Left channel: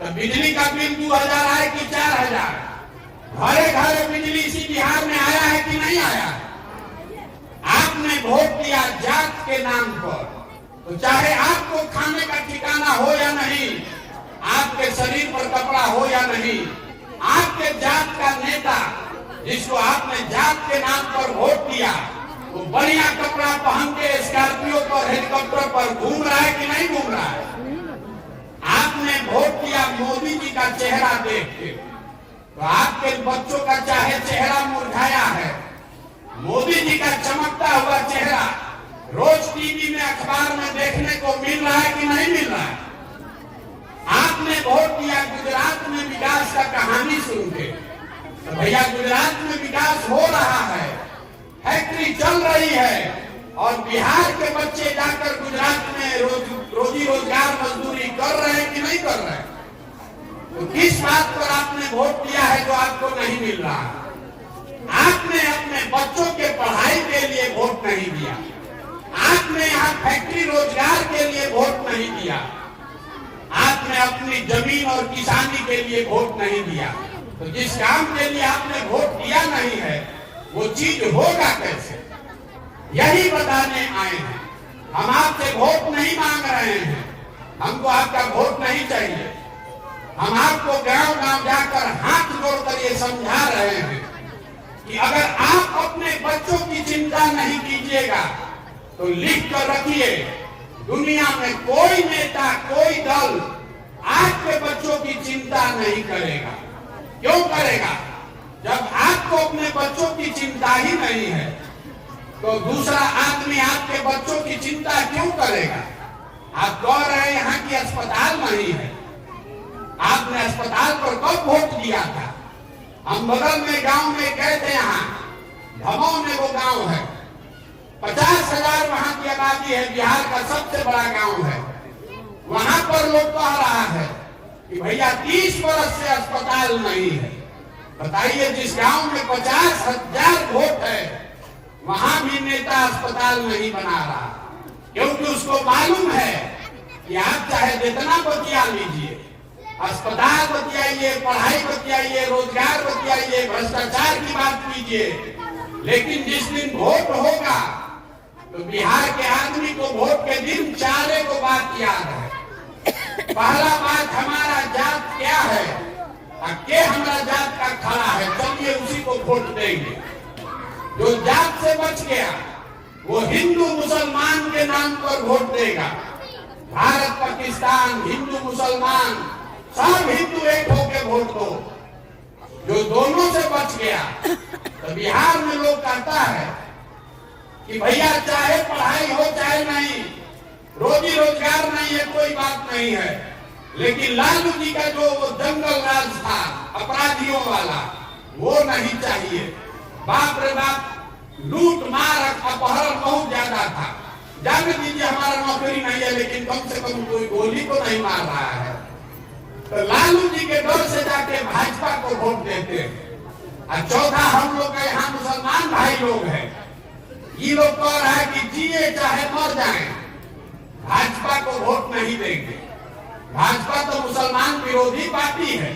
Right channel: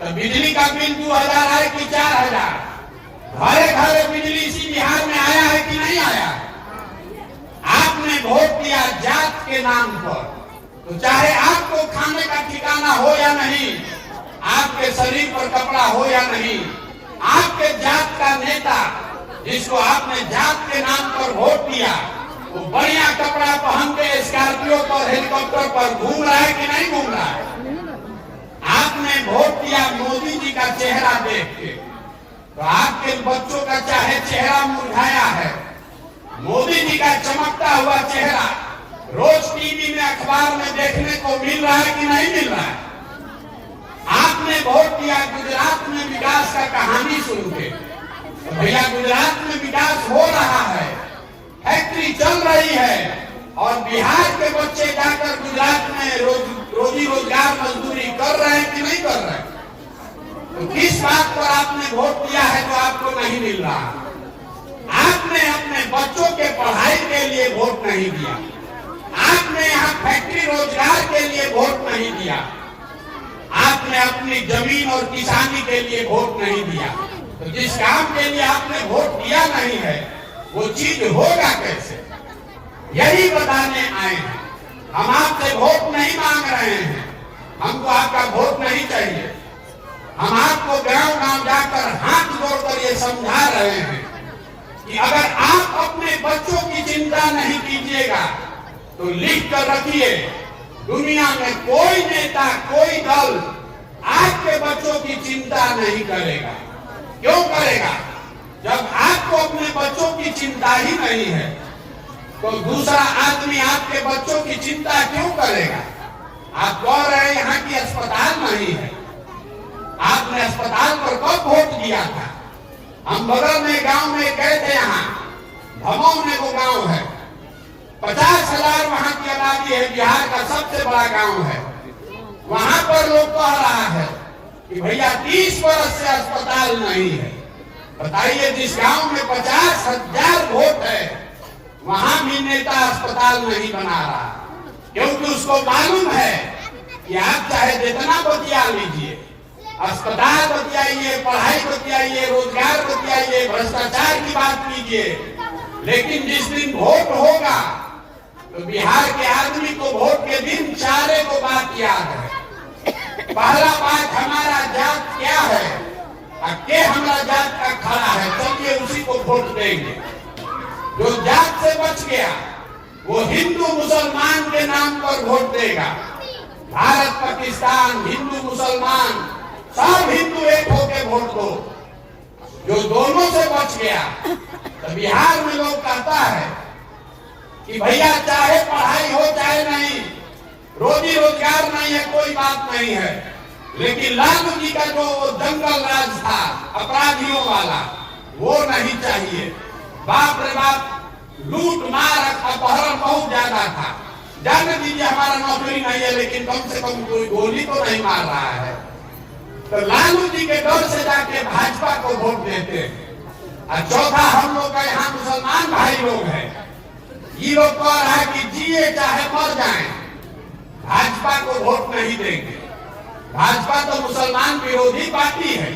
तो बिजली का बिल 2000 है कि 4000? घरे घर बिजली इसी बिहार में आया है कि नहीं आया? आपने वोट दिया जात के नाम पर, तो चाहे आपको खाने का ठिकाना हो या नहीं, आपके शरीर पर कपड़ा हो या नहीं, आपके जात का नेता जिसको आपने जात के नाम पर वोट दिया, वो बढ़िया कपड़ा पहन के स्कॉर्पियो पर, हेलीकॉप्टर पर घूम रहा है कि नहीं घूम रहा है? आपने वोट दिया मोदी जी का चेहरा देख के, तो आपके बच्चों का चाहे चेहरा मुरझाया है, मोदी जी का चमकता हुआ चेहरा रोज टीवी में, अखबार में देखने को मिल रहा है कि नहीं मिल रहा है? आपने वोट दिया गुजरात में विकास का कहानी सुन के, तो भैया गुजरात में विकास हो रहा है, फैक्ट्री चल रही है, और बिहार के बच्चे जाकर गुजरात में रोजी रोजगार मजदूरी कर रहे हैं कि नहीं कर रहे हैं? तो किस बात पर आपने वोट दिया है जो आपको नहीं मिल रहा? आपने अपने बच्चों के पढ़ाई के लिए वोट नहीं दिया, आपने यहाँ फैक्ट्री रोजगार के लिए वोट नहीं दिया, आपने अपनी जमीन और किसानी के लिए वोट नहीं दिया। तो जिस काम के लिए आपने वोट दिया नहीं है, वो चीज होगा कैसे? यही बताने आए हैं। हम आपसे वोट नहीं मांग रहे हैं, हमको आपका वोट नहीं चाहिए। हम आपको गांव गांव जाकर हाथ जोड़कर ये समझा रहे हैं कि अगर आप अपने बच्चों की चिंता नहीं कीजिएगा तो लिख कर रखिए, दुनिया में कोई नेता, कोई दल आपके बच्चों की चिंता नहीं करेगा। क्यों करेगा? जब आपको अपने बच्चों की चिंता ही नहीं है, तो दूसरा आदमी आपके बच्चों की चिंता क्यों करेगा? आप कह रहे हैं यहाँ की अस्पताल नहीं है, आपने अस्पताल पर कब वोट दिया था? हम बगल में गांव में गए थे, यहाँ भमौ में वो गांव है, 50,000 वहां की आबादी है, बिहार का सबसे बड़ा गांव है। वहां पर लोग कह रहा है कि भैया 30 वर्ष से अस्पताल नहीं है। बताइए, जिस गांव में 50,000 वोट है, वहां भी नेता अस्पताल नहीं बना रहा, क्योंकि उसको मालूम है कि आप चाहे जितना बतिया लीजिए, अस्पताल बतियाइए, पढ़ाई बतियाइए, रोजगार बतियाइए, भ्रष्टाचार की बात कीजिए, लेकिन जिस दिन वोट होगा तो बिहार के आदमी को वोट के दिन चारे को बात याद है। पहला बात, हमारा जात क्या है, के हमारा जात का खड़ा है, चलिए उसी को वोट देंगे। जो जात से बच गया वो हिंदू मुसलमान के नाम पर वोट देगा। भारत पाकिस्तान, हिंदू मुसलमान, सब हिंदू एक होके वोट दो। जो दोनों से बच गया, तो बिहार में लोग कहता है कि भैया चाहे पढ़ाई हो चाहे नहीं, रोजी रोजगार नहीं है, कोई बात नहीं है, लेकिन लालू जी का जो जंगल राज था अपराधियों वाला, वो नहीं चाहिए। बाप रे बाप, लूट मार अपहरण बहुत ज्यादा था। जाने दीजिए, हमारा नौकरी नहीं है, लेकिन कम से कम कोई गोली तो नहीं मार रहा है। तो लालू जी के डर से जाके भाजपा को वोट देते हैं। और चौथा, हम लोग का यहाँ मुसलमान भाई लोग हैं, ये लोग कह रहा है कि जिए चाहे मर जाए, भाजपा को वोट नहीं देंगे। भाजपा तो मुसलमान विरोधी पार्टी है।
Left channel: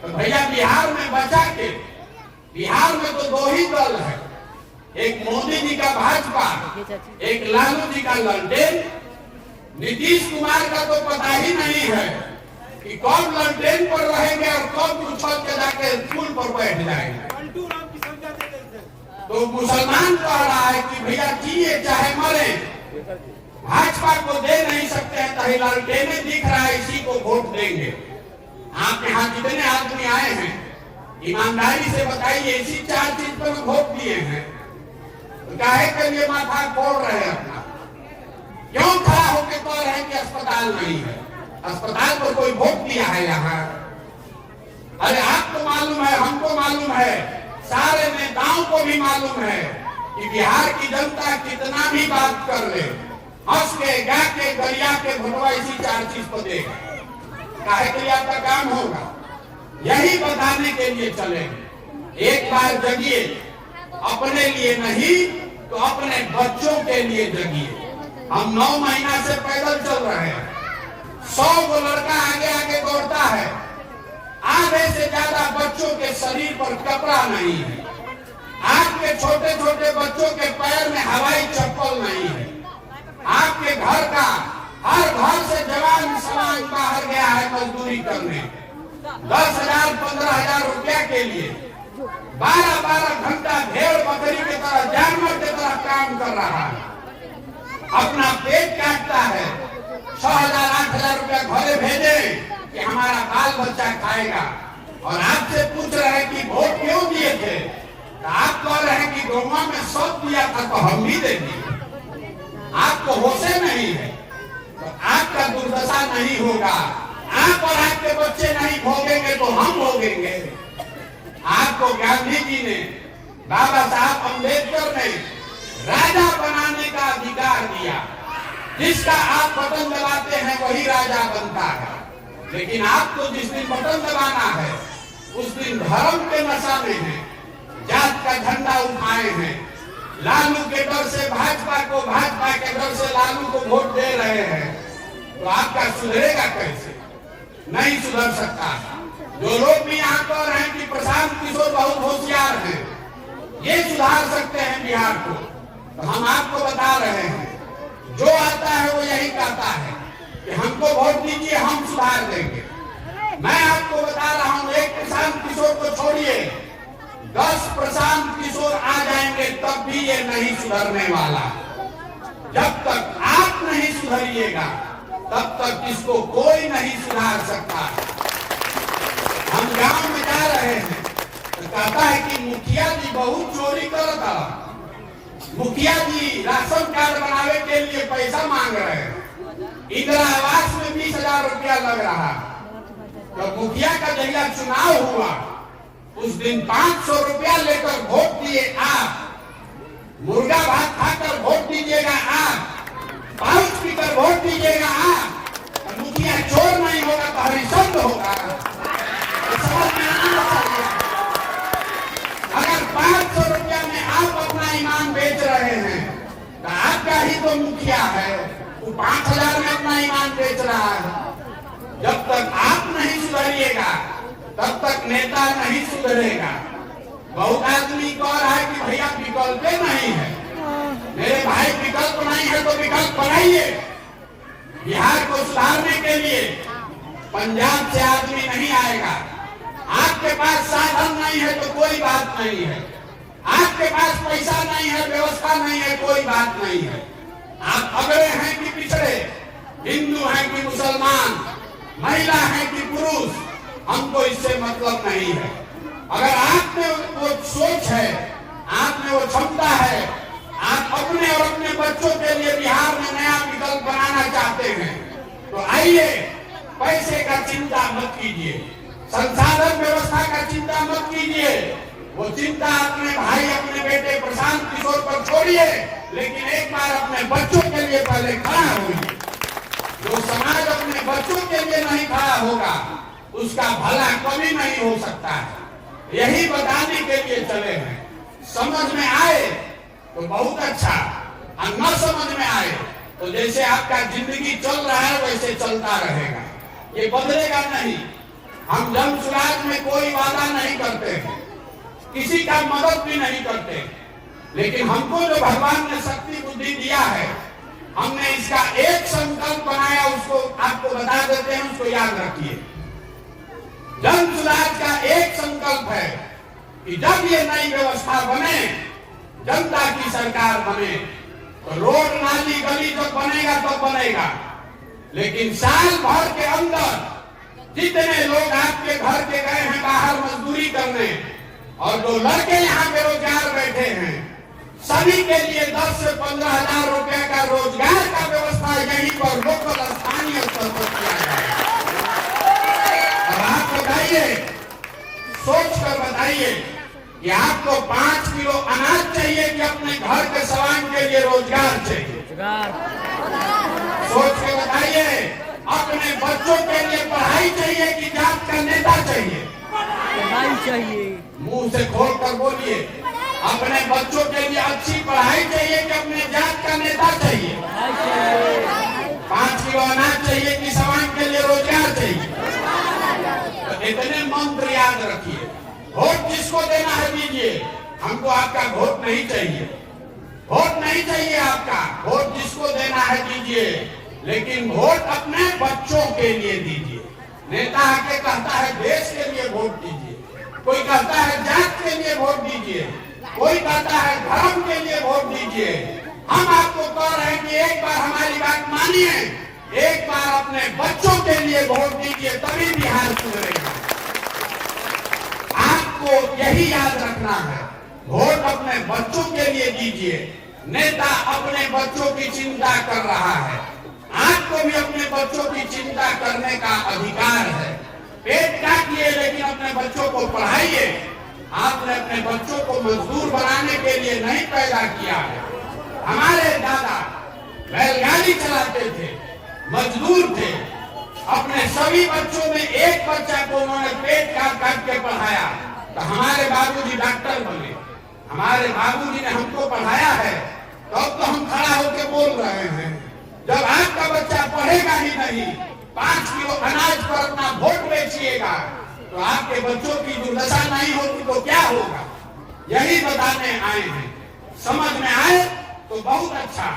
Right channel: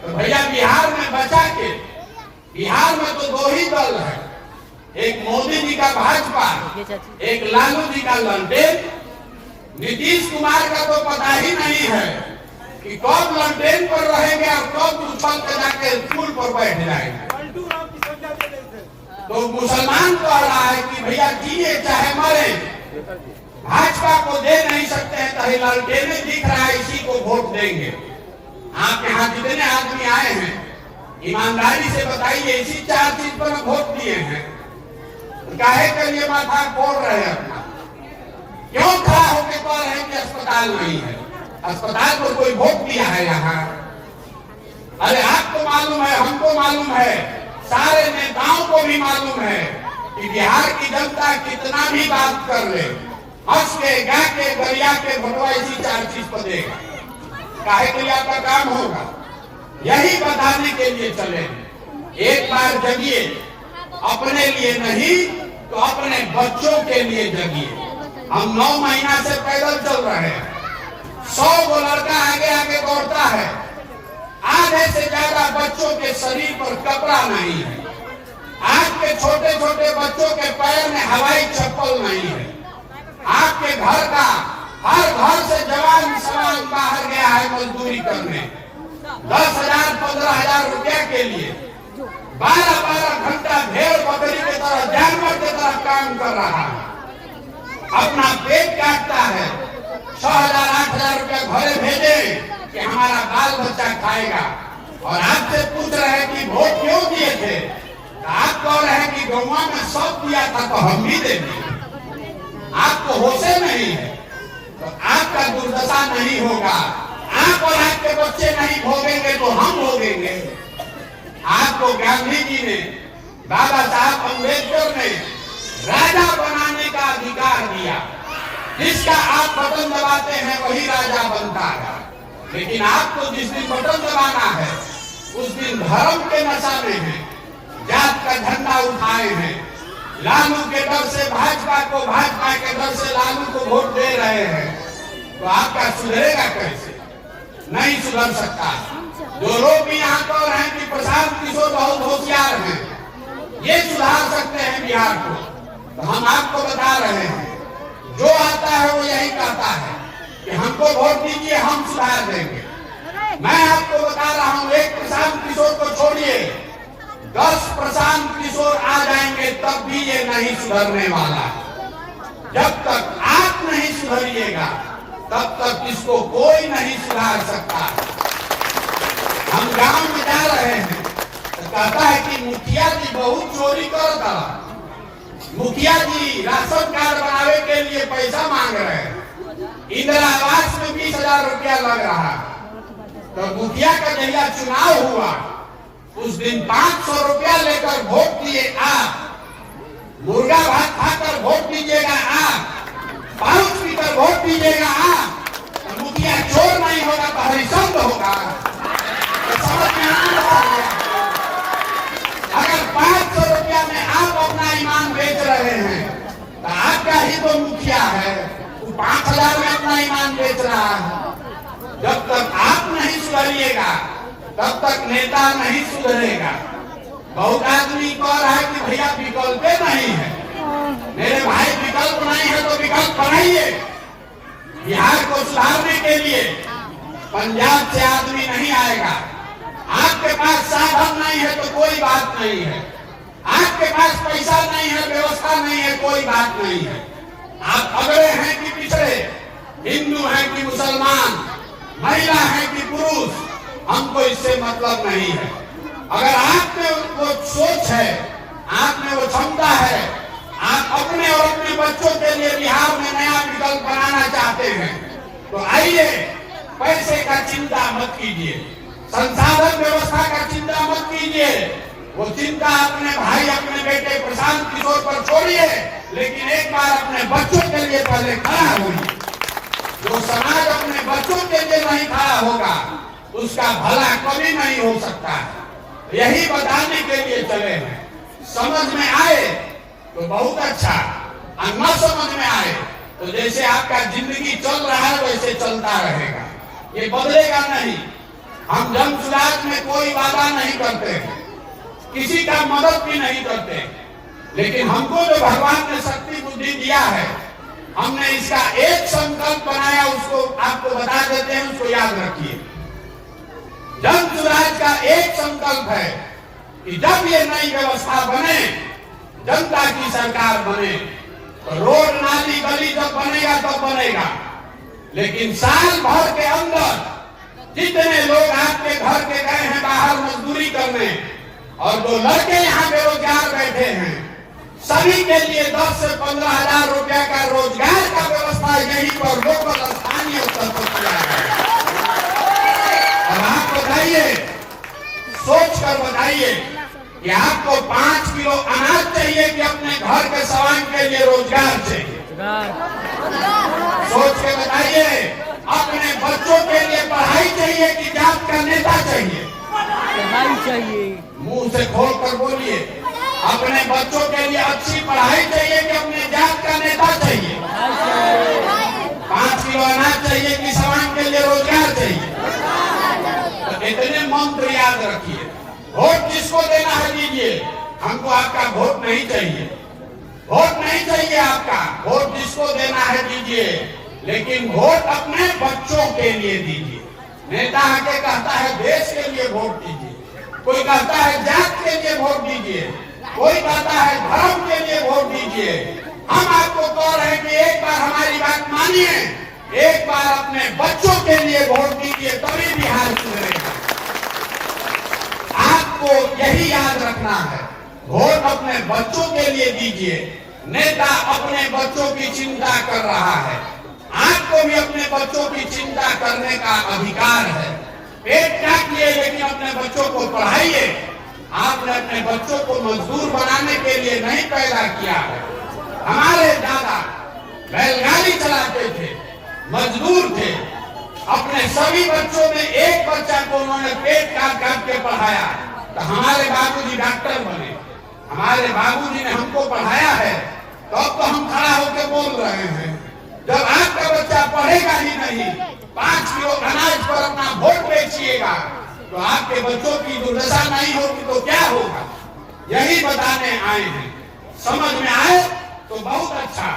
तो भैया बिहार में बचा के, बिहार में तो दो ही दल है, एक मोदी जी का भाजपा, एक लालू जी का ललटेन। नीतीश कुमार का तो पता ही नहीं है कि कब ललटेन पर रहेंगे और कब उछल के जाके स्कूल पर बैठ जाएंगे। तो मुसलमान कह रहा है कि भैया जिए चाहे मरे, भाजपा को दे नहीं सकते हैं, तो ललटेन दिख रहा है, इसी को वोट देंगे। आप यहाँ जितने आदमी आए हैं, ईमानदारी से बताइए, इसी 4 चीज पर वोट दिए हैं, काहे के लिए माथा फोड़ रहे हैं अपना? क्यों खड़ा होकर कह रहे हैं कि अस्पताल नहीं है? अस्पताल पर कोई वोट दिया है यहाँ? अरे आपको मालूम है, हमको मालूम है, सारे नेताओं को भी मालूम है कि बिहार की जनता कितना भी बात कर ले, हंस के, गा के, गरिया के भोटवा इसी 4 चीज पर देगा। काहे के लिए आपका काम होगा? यही बताने के लिए चले। एक बार जगिए, अपने लिए नहीं तो अपने बच्चों के लिए जगिए। हम 9 महीना से पैदल चल रहे हैं, 100 गो लड़का आगे आगे दौड़ता है, बच्चों के शरीर पर कपड़ा नहीं है, आपके छोटे छोटे बच्चों के पैर में हवाई चप्पल नहीं है, आपके घर का हर घर से जवान सवाल बाहर गया है मजदूरी करने 10,000 15,000 रुपया के लिए 12-12 घंटा भेड़ बकरी की तरह जानवर की तरह काम कर रहा है, अपना पेट काटता है, 6,000 8,000 रुपया घरे भेजे कि हमारा बाल बच्चा खाएगा। और आपसे पूछ रहे हैं कि वोट क्यों दिए थे, तो आप कह रहे हैं कि गौवा में सब दिया था तो हम भी देंगे। आपको होशे नहीं है तो आपका दुर्दशा नहीं होगा, आप और आपके बच्चे नहीं भोगेंगे तो हम भोगेंगे। आपको गांधी जी ने, बाबा साहब अम्बेडकर ने राजा बनाने का अधिकार दिया, जिसका आप बटन दबाते हैं वही राजा बनता है। लेकिन आपको जिस दिन बटन दबाना है उस दिन धर्म के नशा में है, जात का झंडा उठाए हैं, लालू के डर से भाजपा को, भाजपा के डर से लालू को वोट दे रहे हैं, तो आपका सुधरेगा कैसे? नहीं सुधर सकता। जो लोग भी यहाँ कह रहे हैं कि प्रशांत किशोर बहुत होशियार हैं, ये सुधार सकते हैं बिहार को, तो हम आपको बता रहे हैं जो आता है वो यही कहता है कि हमको वोट दीजिए हम सुधार देंगे। मैं आपको बता रहा हूँ, एक प्रशांत किशोर को छोड़िए, 10 प्रशांत किशोर आ जाएंगे तब भी ये नहीं सुधरने वाला। जब तक आप नहीं सुधरिएगा तब तक इसको कोई नहीं सुधार सकता। हम गांव में जा रहे हैं तो कहता है कि मुखिया जी बहुत चोरी करता, मुखिया जी राशन कार्ड बनावे के लिए पैसा मांग रहे हैं, इंदिरा आवास में 20,000 रुपया लग रहा है। तो मुखिया का जहिया चुनाव हुआ उस दिन 500 रुपया लेकर वोट दिए आप, मुर्गा भात खाकर वोट दीजिएगा आप, पाउच पीकर वोट दीजिएगा आप, तो मुखिया चोर नहीं होगा तो हरिशंद होगा। तो समझ में आ गया? अगर 500 रुपया में आप अपना ईमान बेच रहे हैं तो आपका ही तो मुखिया है, वो 5,000 में अपना ईमान बेच रहा है। जब तक आप नहीं सुधरिएगा तब तक नेता नहीं सुधरेगा। बहुत आदमी कह रहा है कि भैया विकल्प नहीं है, मेरे भाई विकल्प नहीं है तो विकल्प बनाइए। बिहार को सुधारने के लिए पंजाब से आदमी नहीं आएगा। आपके पास साधन नहीं है तो कोई बात नहीं है, आपके पास पैसा नहीं है, व्यवस्था नहीं है, कोई बात नहीं है। आप अगड़े हैं कि पिछड़े, हिंदू हैं कि मुसलमान, महिला है कि पुरुष, हमको इससे मतलब नहीं है। अगर आप में वो सोच है, आप में वो क्षमता है, आप अपने और अपने बच्चों के लिए बिहार में नया विकल्प बनाना चाहते हैं तो आइए, पैसे का चिंता मत कीजिए, संसाधन व्यवस्था का चिंता मत कीजिए, वो चिंता अपने भाई अपने बेटे प्रशांत किशोर पर छोड़िए, लेकिन एक बार अपने बच्चों के लिए पहले खड़ा होइए। जो समाज अपने बच्चों के लिए नहीं खड़ा होगा उसका भला कभी नहीं हो सकता है। यही बताने के लिए चले हैं। समझ में आए तो बहुत अच्छा, और न समझ में आए तो जैसे आपका जिंदगी चल रहा है वैसे चलता रहेगा, ये बदलेगा नहीं। हम जन सुराज में कोई वादा नहीं करते हैं, किसी का मदद भी नहीं करते, लेकिन हमको जो भगवान ने शक्ति बुद्धि दिया है, हमने इसका एक संकल्प बनाया, उसको आपको बता देते हैं, उसको याद रखिए। जन सुराज का एक संकल्प है कि जब ये नई व्यवस्था बने, जनता की सरकार बने, तो रोड नाली गली जब बनेगा तब बनेगा, लेकिन साल भर के अंदर जितने लोग आपके घर के गए हैं बाहर मजदूरी करने और जो लड़के यहाँ बेरोजगार बैठे हैं, सभी के लिए 10 से 15,000 रुपया का रोजगार का व्यवस्था यहीं पर लोकल स्थानीय स्तर पर किया है। अब आप बताइए, सोच कर बताइए कि आपको 5 किलो अनाज चाहिए कि अपने घर के सवाल के लिए रोजगार चाहिए? सोच के बताइए, अपने बच्चों के लिए पढ़ाई चाहिए कि जात का नेता चाहिए? पढ़ाई चाहिए। मुंह से खोल कर बोलिए, अपने बच्चों के लिए अच्छी पढ़ाई चाहिए कि अपने जात का नेता चाहिए? 5 किलो अनाज चाहिए कि समाज के लिए रोजगार चाहिए? तो इतने मंत्र याद रखिए। वोट जिसको देना है दीजिए, हमको आपका वोट नहीं चाहिए, वोट नहीं चाहिए आपका, वोट जिसको देना है दीजिए, लेकिन वोट अपने बच्चों के लिए दीजिए। नेता आके कहता है देश के लिए वोट दीजिए, कोई कहता है जात के लिए वोट दीजिए, कोई कहता है धर्म के लिए वोट दीजिए। हम आपको कह रहे हैं कि एक बार हमारी बात मानिए, एक बार अपने बच्चों के लिए वोट दीजिए, तभी बिहार सुधरेगा। आपको यही याद रखना है, वोट अपने बच्चों के लिए दीजिए। नेता अपने बच्चों की चिंता कर रहा है, आपको भी अपने बच्चों की चिंता करने का अधिकार है। पेट काटिए लेकिन अपने बच्चों को पढ़ाइए। आपने अपने बच्चों को मजदूर बनाने के लिए नहीं पैदा किया है। हमारे दादा बैलगाड़ी चलाते थे, मजदूर थे, अपने सभी बच्चों में एक बच्चा को उन्होंने पेट काट काट के पढ़ाया, तो हमारे बाबूजी डॉक्टर बने। हमारे बाबूजी ने हमको पढ़ाया है, तो अब तो हम खड़ा होकर बोल रहे हैं। जब आपका बच्चा पढ़ेगा ही नहीं, 5 किलो अनाज पर अपना वोट बेचिएगा, तो आपके बच्चों की दुर्दशा नहीं होगी तो क्या होगा? यही बताने आए हैं। समझ में आए तो बहुत अच्छा,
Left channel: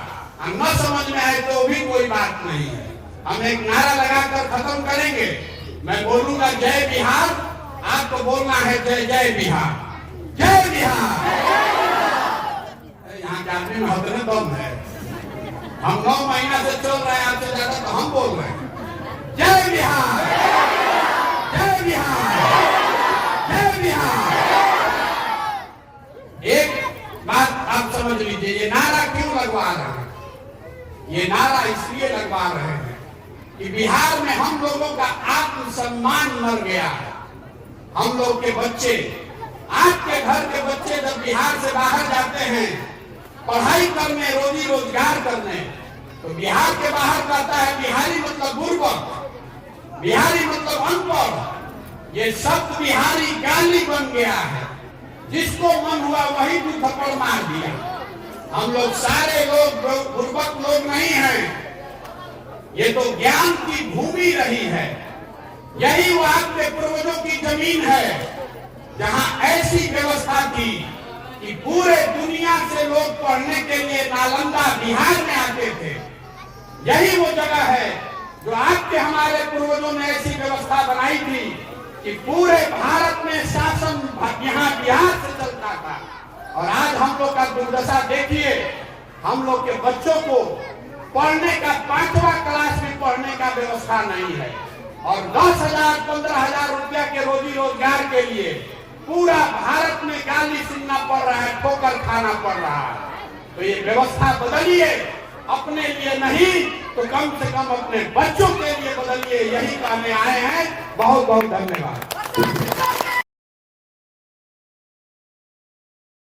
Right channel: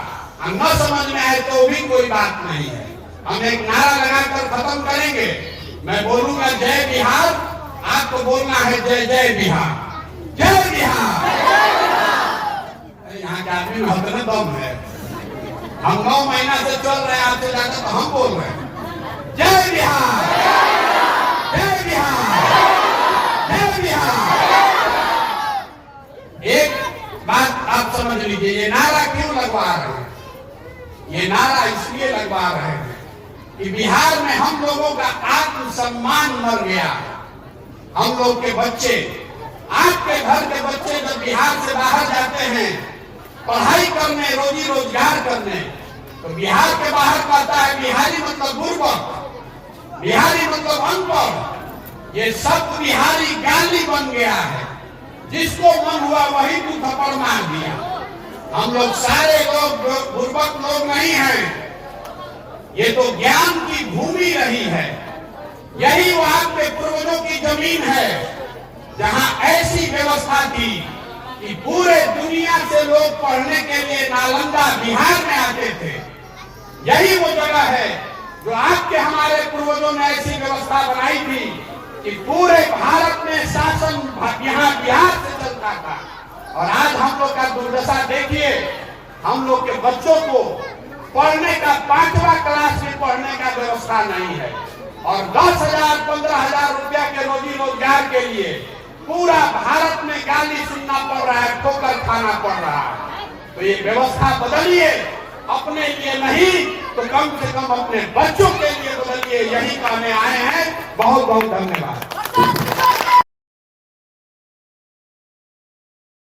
हम न समझ में आए तो भी कोई बात नहीं है। हम एक नारा लगाकर खत्म करेंगे। मैं बोलूंगा जय बिहार, आपको बोलना है जय जय बिहार, जय बिहार। यहाँ के आदमी में हतने दम है। हम 9 महीना से चल रहे हैं, आपसे ज्यादा तो हम बोल रहे हैं। जय बिहार, जय बिहार, जय बिहार। एक बात आप समझ लीजिए, ये नारा क्यों लगवा रहे हैं? ये नारा इसलिए लगवा रहे हैं कि बिहार में हम लोगों का आत्मसम्मान मर गया है। हम लोग के बच्चे, आपके घर के बच्चे जब बिहार से बाहर जाते हैं पढ़ाई करने, रोजी रोजगार करने, तो बिहार के बाहर कहता है बिहारी मतलब बुर्बक, बिहारी मतलब अनपढ़। ये सब बिहारी गाली बन गया है, जिसको मन हुआ वही दू थप्पड़ मार दिया। हम लोग सारे लोग बुर्बक लोग नहीं हैं, ये तो ज्ञान की भूमि रही है। यही वो आपके पूर्वजों की जमीन है, जहां ऐसी व्यवस्था थी कि पूरे दुनिया से लोग पढ़ने के लिए नालंदा बिहार में आते थे। यही वो जगह है जो आपके हमारे पूर्वजों ने ऐसी व्यवस्था बनाई थी कि पूरे भारत में शासन यहाँ बिहार से चलता था। और आज हम लोग का दुर्दशा देखिए, हम लोग के बच्चों को पढ़ने का 5वां क्लास में पढ़ने का व्यवस्था नहीं है, और 10,000 15,000 रुपया के रोजी रोजगार के लिए पूरा भारत में गाली सुनना पड़ रहा है, ठोकर खाना पड़ रहा है। तो ये व्यवस्था बदलिए, अपने लिए नहीं तो कम से कम अपने बच्चों के लिए बदलिए। यही कहने आए हैं। बहुत बहुत धन्यवाद।